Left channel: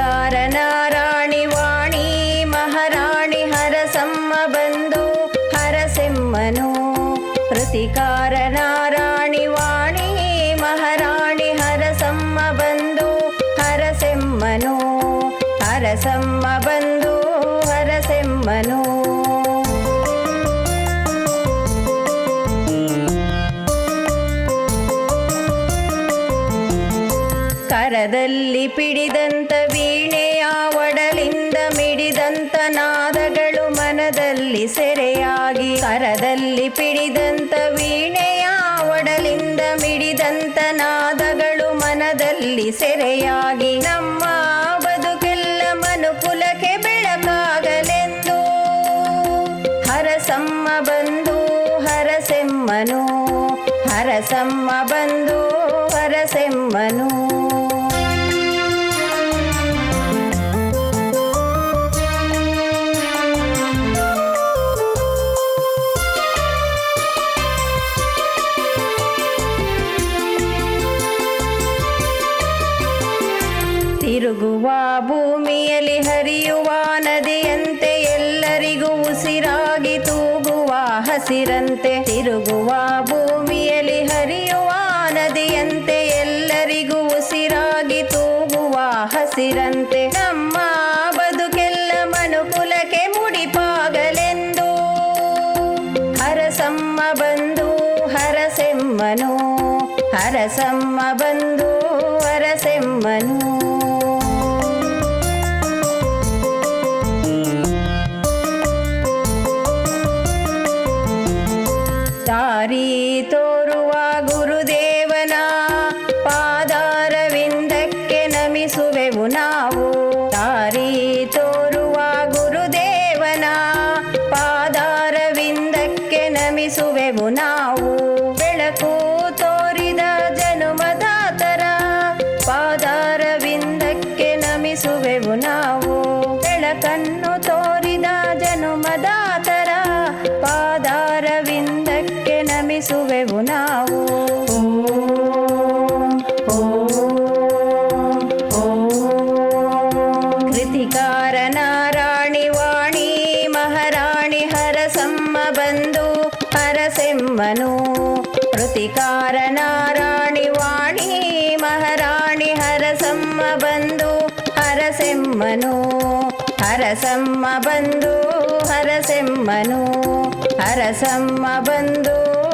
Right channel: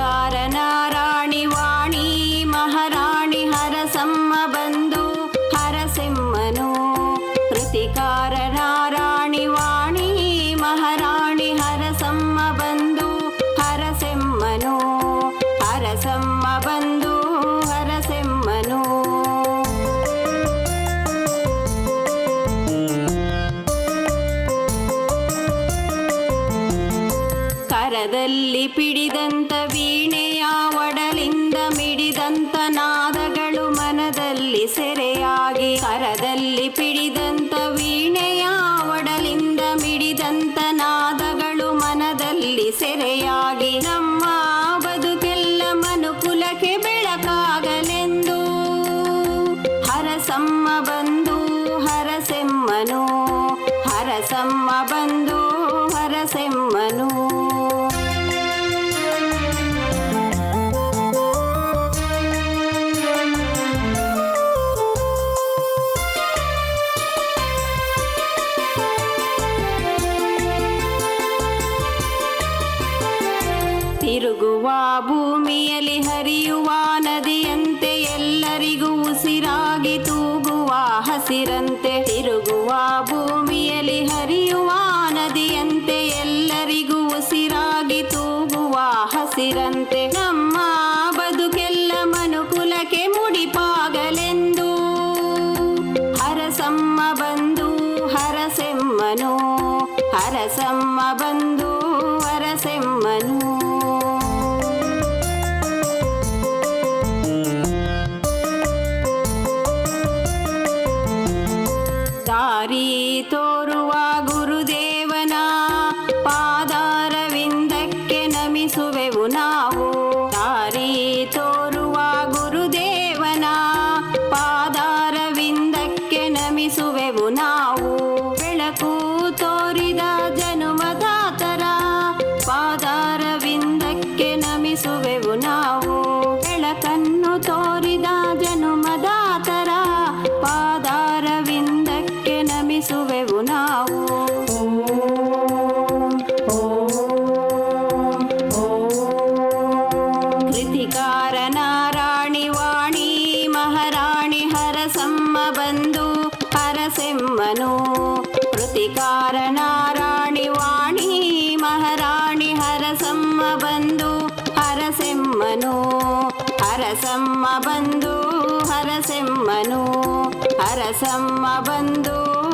ಕೃತಿಕಾರನಾರಾಣಿ ವಾಣಿ ಮಹಾರಾಣಿ ಹರಸಮ್ಮ ಬಂದು ಹರಸೆಮ್ಮನು. ಕೃತಿಕಾರನಾರಾಣಿ ವಾಣಿ ಮಹಾರಾಣಿ ಹರಸಮ್ಮ ಬಂದು ಹರಸೆಮ್ಮನು. ಹರಸಮ್ಮ ಬಂದು ಹರಸೆಮ್ಮನು. ಕರದಲ್ಲಿ ಪಿಡಿದಂತ ವೀಣೆಯ ಒಡಲಿಂದ ಮಿಡಿದಂತ ನಾದಗಳು ಮನದಲ್ಲಿ ಸೆರೆಯಾಗಿ. ಕರದಲ್ಲಿ ಪಿಡಿದಂತ ವೀಣೆಯ ಒಡಲಿಂದ ಮಿಡಿದಂತ ನಾದಗಳು ಮನದಲ್ಲಿ ಸೆರೆಯಾಗಿ. ನಮ್ಮ ಬದುಕೆಲ್ಲ ಮನುಕುಲಕ್ಕೆ ಬೆಳಕಾಗಲೆಂದು ಹರಸಮ್ಮ ಬಂದು ಹರಸೆಮ್ಮನು. ಹರಸಮ್ಮ ಬಂದು ಹರಸೆಮ್ಮನು. ತಿರುಗುವ ಭೂಮಿಯಲ್ಲಿ ಹರಿಯುವ ನದಿಯಂತೆ ಎಲ್ಲರಿಗೂ ಉಸಿರಾಗಿ ತೂಗುವ ಹಸಿರಂತೆ. ತಿರುಗುವ ಭೂಮಿಯಲ್ಲಿ ಹರಿಯುವ ನದಿಯಂತೆ ಎಲ್ಲರಿಗೂ ಉಸಿರಾಗಿ ತೂಗುವ ಹಸಿರಂತೆ. ನಮ್ಮ ಬದುಕೆಲ್ಲ ಮನುಕುಲಕ್ಕೆ ಮುಡಿಪಾಗಲೆಂದು ಹರಸಮ್ಮ ಬಂದು ಹರಸೆಮ್ಮನು. ಹರಸಮ್ಮ ಬಂದು ಹರಸೆಮ್ಮನು. ದಾರಿ ತೋರುವ ಗುರುದೇವನ ಪಾದಾರವಿಂದಕ್ಕೆ ನಮಿಸುವೆವು ನಾವು. ದಾರಿ ತೋರುವ ಗುರುದೇವನ ಪಾದಾರವಿಂದಕ್ಕೆ ನಮಿಸುವೆವು ನಾವು. ಬೆಳಕು ತೋರಿದ ಜನುಮದಾತರ ಪಾದಾರವಿಂದಕ್ಕೆ ನಮಿಸುವೆವು ನಾವು. ಬೆಳಕನ್ನು ತೋರಿದ ಜನುಮದಾತರ ಪಾದಾರವಿಂದಕ್ಕೆ ನಮಿಸುವೆವು ನಾವು. ಕೃತಿಕಾರನಾರಾಣಿ ವಾಣಿ ಮಹಾರಾಣಿ ಹರಸಮ್ಮ ಬಂದು ಹರಸೆಮ್ಮನು. ಕೃತಿಕಾರನಾರಾಣಿ ವಾಣಿ ಮಹಾರಾಣಿ ಹರಸಮ್ಮ ಬಂದು ಹರಸೆಮ್ಮನು. ಹರಸಮ್ಮ ಬಂದು ಹರಸೆಮ್ಮನು. ಹರಸಮ್ಮ ಬಂದು